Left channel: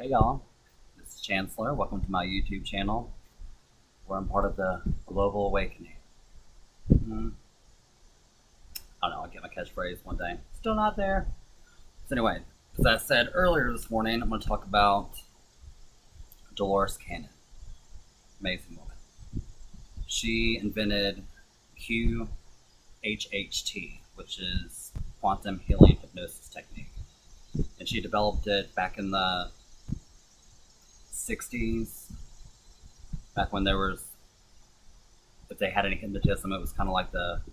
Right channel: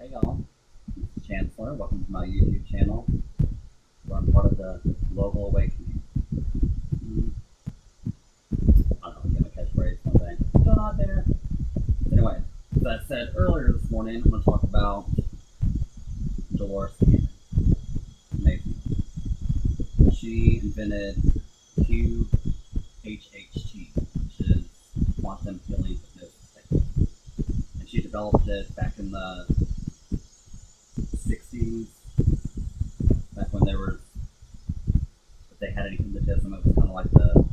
Hey y'all, this is Chancellor. Welcome to my YouTube channel where I'm part of the global awakening. I don't know, I'll get my catchphrase one day. Still not there. So anyway, as I said earlier this morning, I'm going to talk about Delores Cannon. Amazing woman. She invented QHHT, which is quantum healing hypnosis technique. And she developed it back in the 60s, back when there was, if they had any hypnotism, it was kind of like the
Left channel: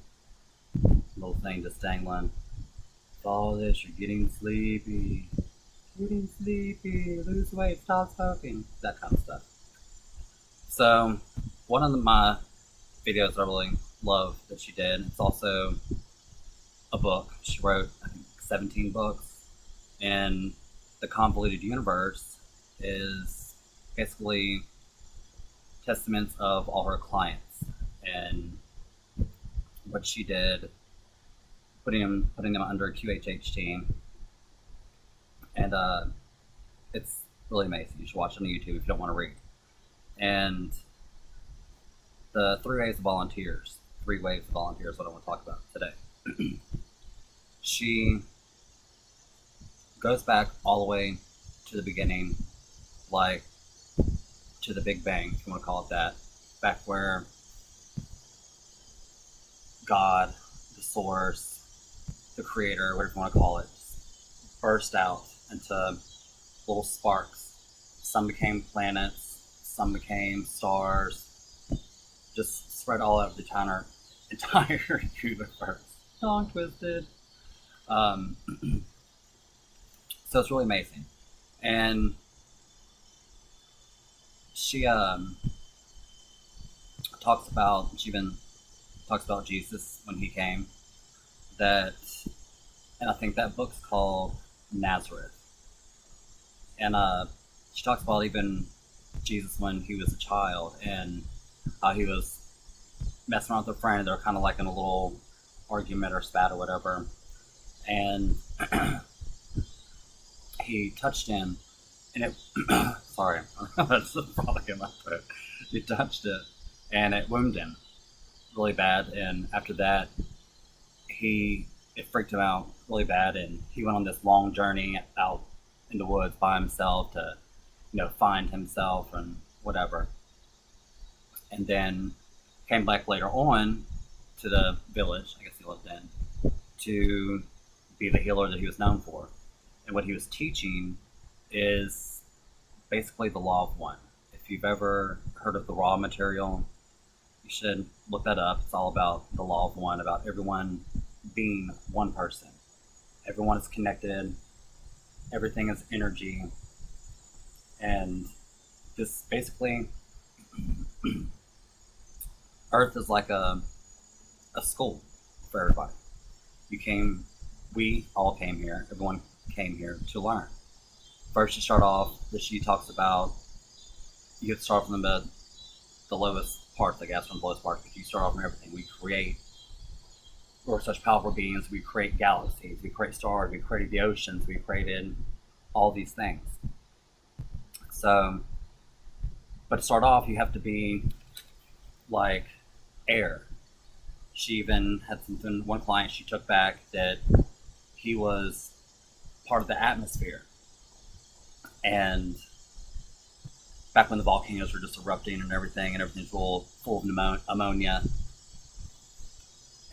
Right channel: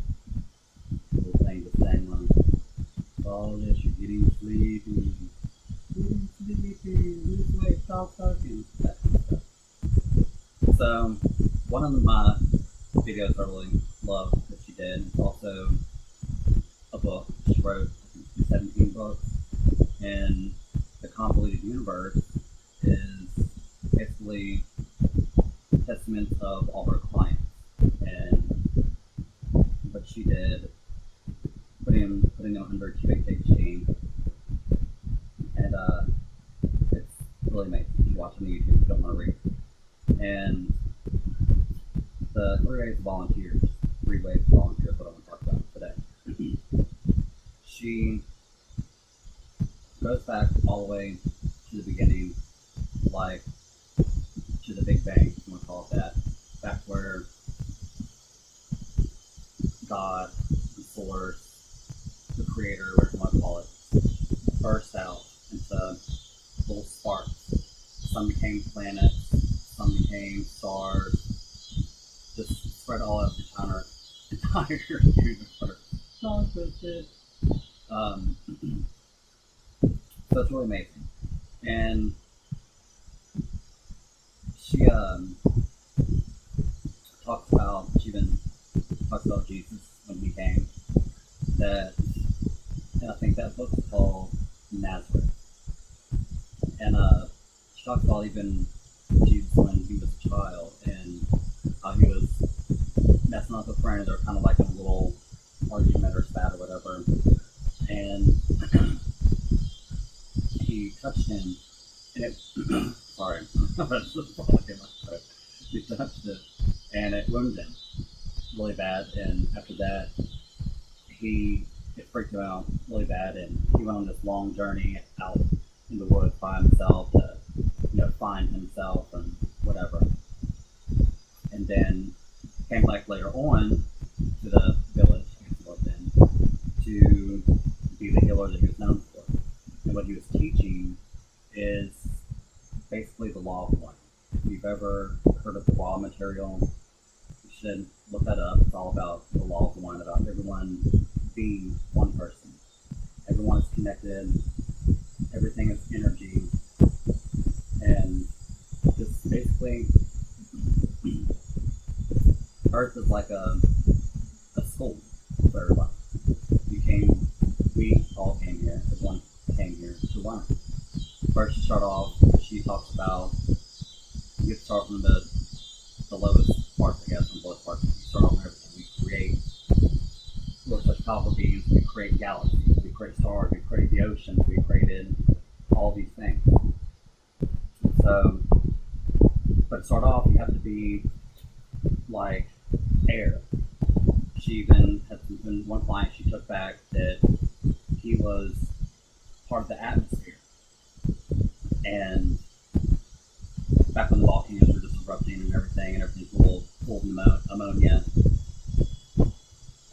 little thing just dangling. Follow this, you're getting sleepy. Getting sleepy, lose weight, stop smoking. That kind of stuff. So, one of my videos I really love that she did, it's also a book. She wrote, I think, 17 books. And The Convoluted Universe is basically testaments of all her clients and what she did, putting them under QHHT, and it's really amazing. You should watch it on YouTube if you don't want to read. And the three waves of volunteers, what I want to talk about today. She goes back all the way to the beginning, like to the Big Bang, if you want to call it that, back where God, the source, the creator, whatever you want to call it, burst out into little sparks. Some became planets, some became stars, just spread all over the entire universe. Tongue twisted. So it's really amazing. And she even talks about Jesus when he came. And I think that book's called Nazareth. And she talks about even Jesus when he was a child and how he was messing around with a friend. They were kind of like in a little argument or spat or whatever. And he touched him, and it sorry, that's the frolic in my throat. He touched it, and it wounded him really bad. And after that, it freaked him out really bad, and he went on this long journey out in the woods by himself to, find himself and whatever. And then came back later on to the village, I guess he lived in, to be the healer that he was known for. And what he was teaching is basically the law of one. If you've ever heard of the raw material, you should look that up. It's all about the law of one, about everyone being one person. Everyone is connected. Everything is energy. And this basically, Earth is like a school for everybody. We all came here. Everyone came here to learn. First, she talks about, you have to start from the lowest parts, I guess, from the lowest parts. You start off from everything. We're such powerful beings. We create galaxies, we create stars, we created the oceans, we created all these things. So, but to start off, you have to be like air. She even had one client she took back that he was part of the atmosphere. And back when the volcanoes were just erupting and everything's full of ammonia.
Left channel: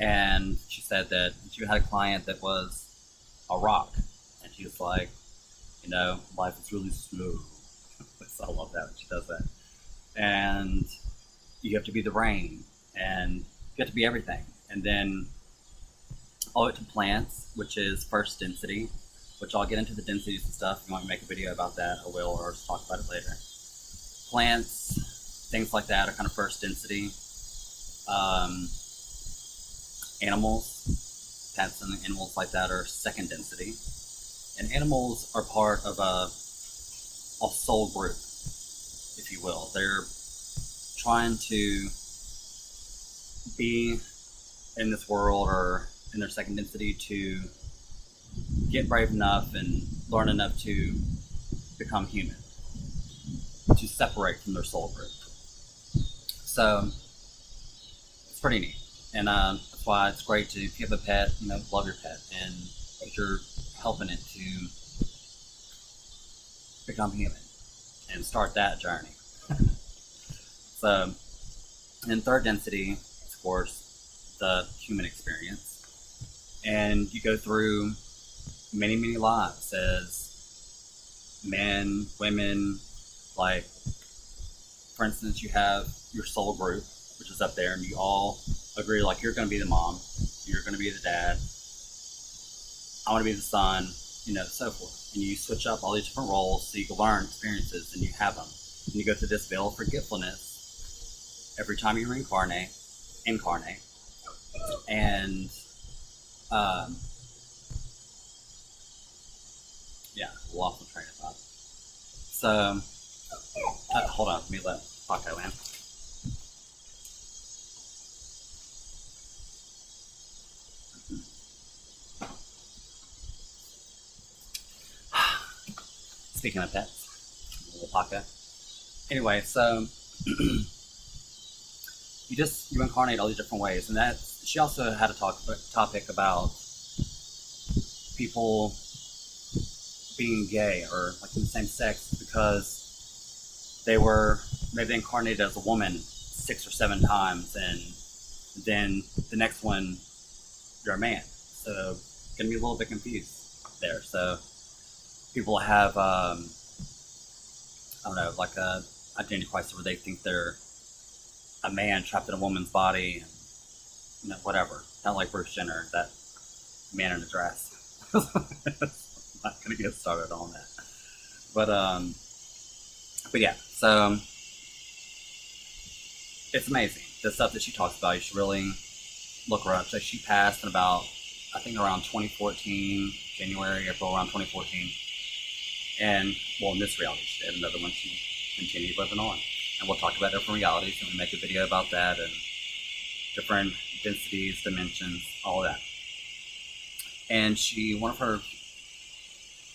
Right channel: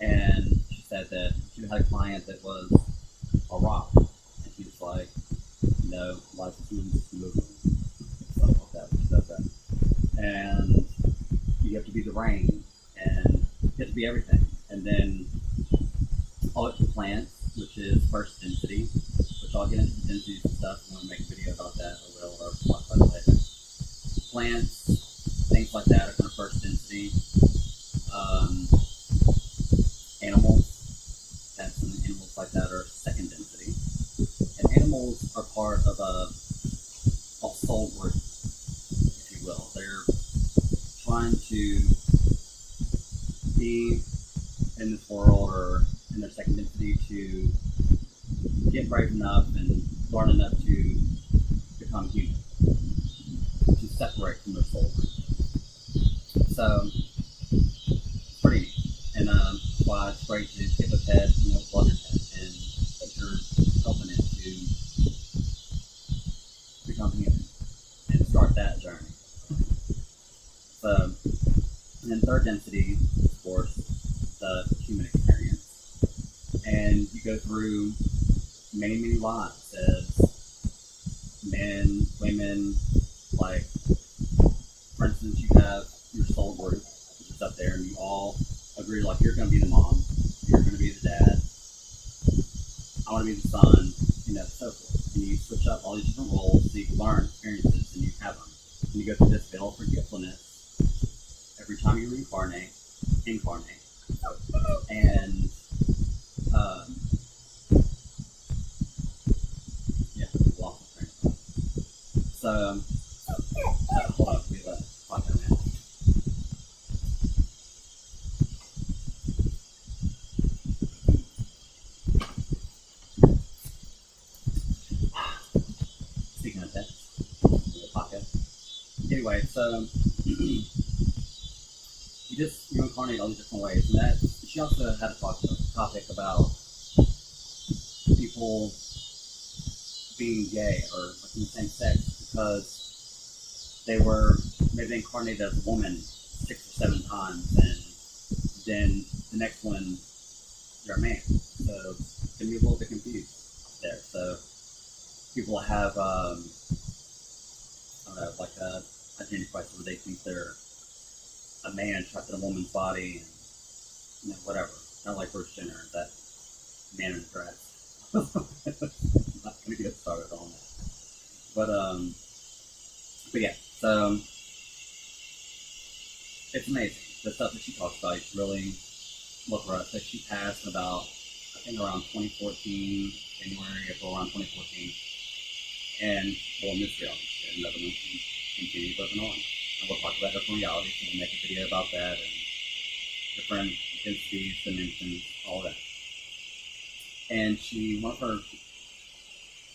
And she said that she had a client that was a rock. And she was like, life is really smooth. So I love that when she does that. And you have to be the rain. And you have to be everything. And then all the way to plants, which is first density, which I'll get into the densities and stuff. If you want me to make a video about that, I will, or I'll talk about it later. Plants, things like that are kind of first density. Animals, pets and animals like that are second density. And animals are part of a soul group, if you will. They're trying to be in this world or in their second density to get brave enough and learn enough to become human. to separate from their soul group. So it's pretty neat, and that's why it's great to if you have a pet, love your pet, and you're helping it to become human and start that journey. So, in third density, of course, the human experience, and you go through many, many lives as men, women. Like, for instance, you have your soul group, which is up there, and you all agree, like, you're going to be the mom, you're going to be the dad, I want to be the son, so forth. And you switch up all these different roles so you can learn experiences, and you have them. And you go through this veil of forgetfulness every time you incarnate, and yeah, lost the train of thought. So, hold on, let me let Paco in. Speaking of pets, little Paco. Anyway, so you incarnate all these different ways, and that she also had a topic about people being gay or like in the same sex because maybe they incarnated as a woman 6 or 7 times, and then the next one you're a man, so gonna be a little bit confused there. So people have I don't know, like a identity crisis where they think they're a man trapped in a woman's body, and whatever. Not like Bruce Jenner, that man in a dress. I'm not gonna get started on that. But yeah, so it's amazing. The stuff that she talks about, you should really look her up. So she passed in about, I think around 2014, January, April, around 2014. And, well, in this reality, she had another one she continued living on. And we'll talk about different realities, and we'll make a video about that, and different densities, dimensions, all of that. And one of her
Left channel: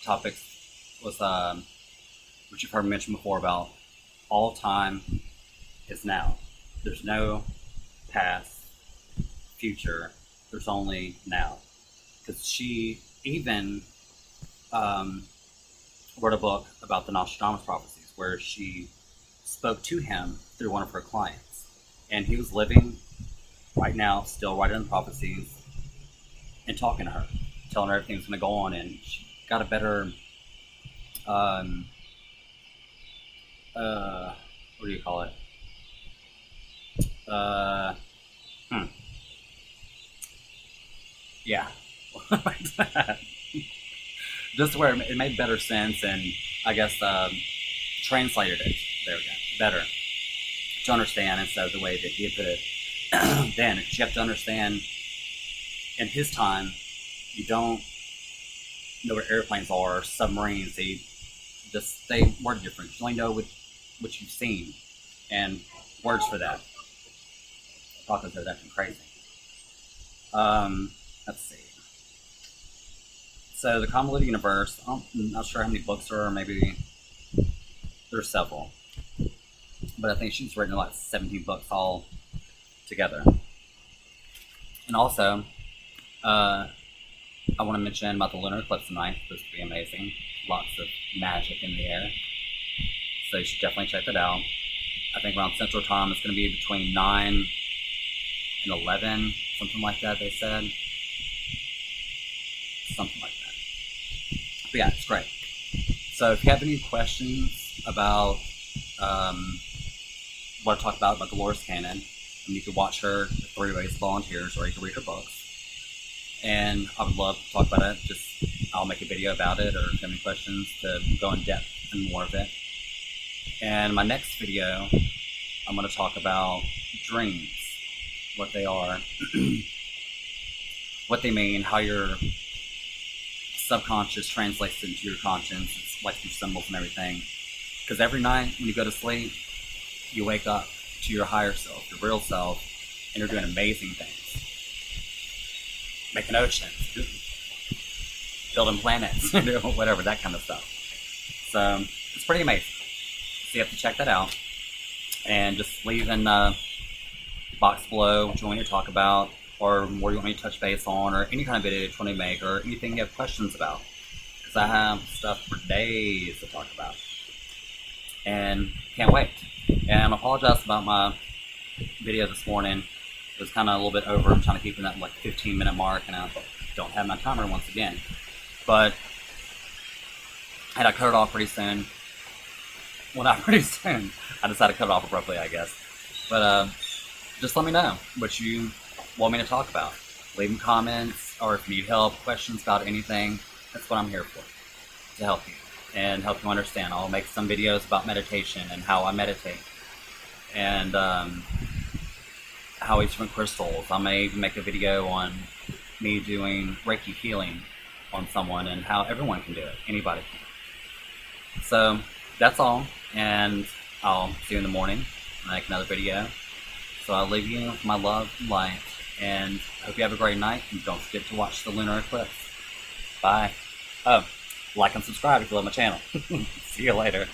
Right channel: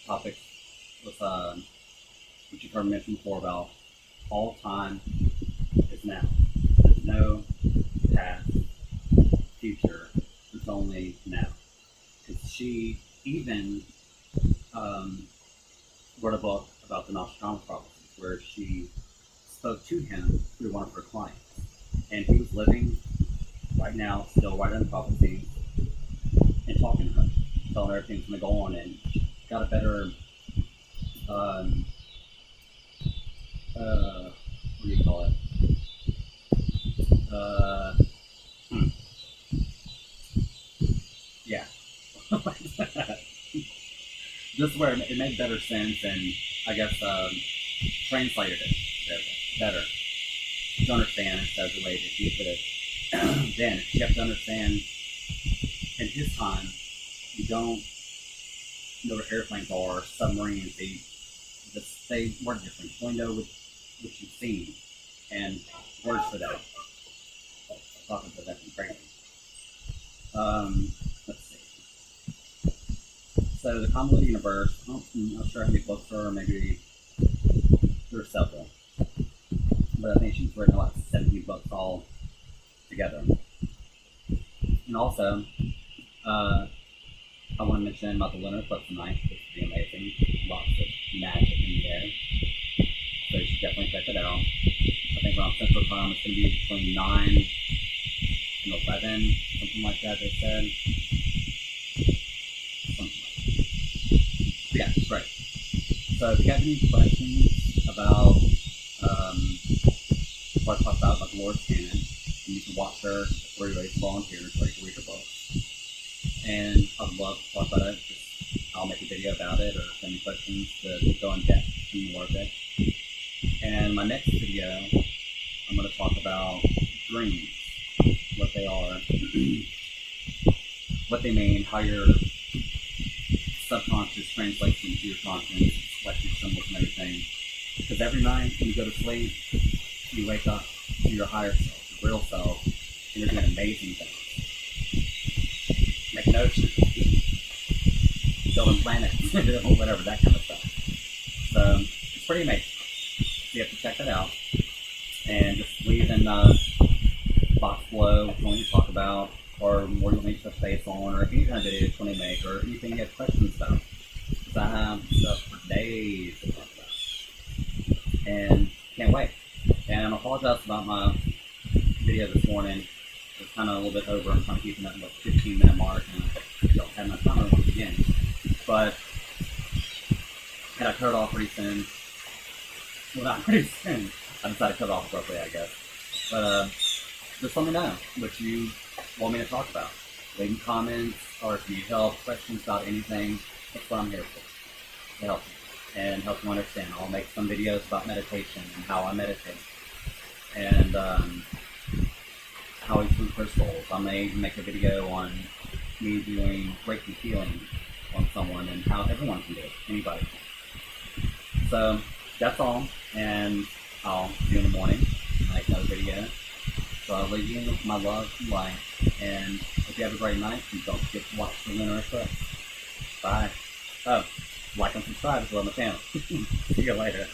topics was, which you've heard mentioned before, about all time is now. There's no past, future, there's only now. Because she even wrote a book about the Nostradamus prophecies, where she spoke to him through one of her clients. And he was living right now, still writing the prophecies and talking to her, telling her everything was going to go on, and she got a better, what do you call it? Yeah. Just where it made better sense, and I guess translated it, there we go, better to understand instead of the way that he put it. Then you have to understand, in his time, you don't know what airplanes are, submarines. They word different. You only know what you've seen, and words for that. Talking to that crazy. Let's see. So the Convoluted Universe, I'm not sure how many books there are, maybe there's several. But I think she's written like 17 books all together. And also, I want to mention about the lunar eclipse tonight. It's supposed to be amazing. Lots of magic in the air. So you should definitely check that out. I think around Central Time it's going to be between 9 and 11, something like that, they said. Something like that. But yeah, it's great. So if you have any questions about what I talked about Delores Cannon, you can watch her 3 Ways to Volunteers, or you can read her books. And I would love to talk about it. I'll make a video about it, or if you have any questions to go in depth and more of it. And my next video, I'm going to talk about dreams, what they are, what they mean, how your subconscious translates into your conscience, like through symbols and everything. Because every night when you go to sleep, you wake up to your higher self, your real self, and you're doing amazing things. Making oceans, building planets, whatever, that kind of stuff. So it's pretty amazing. See you have to check that out. And just leave in the box below what you want me to talk about, or what you want me to touch base on, or any kind of video you want to make, or anything you have questions about. Because I have stuff for days to talk about. And can't wait. And I apologize about my video this morning. It was kind of a little bit over. I'm trying to keep in that like 15-minute mark, and I don't have my timer once again. But I had to cut it off pretty soon. Well, not pretty soon. I decided to cut it off abruptly, I guess. But just let me know what you want me to talk about. Leave them comments, or if you need help, questions about anything. That's what I'm here for, to help you and help you understand. I'll make some videos about meditation and how I meditate, and how I swim crystals. I may even make a video on me doing Reiki healing on someone and how everyone can do it. Anybody can. So that's all, and I'll see you in the morning. I'll make another video. So I'll leave you with my love and light, and hope you have a great night, and don't forget to watch the lunar eclipse. Bye. Oh, like and subscribe if you love my channel. See you later.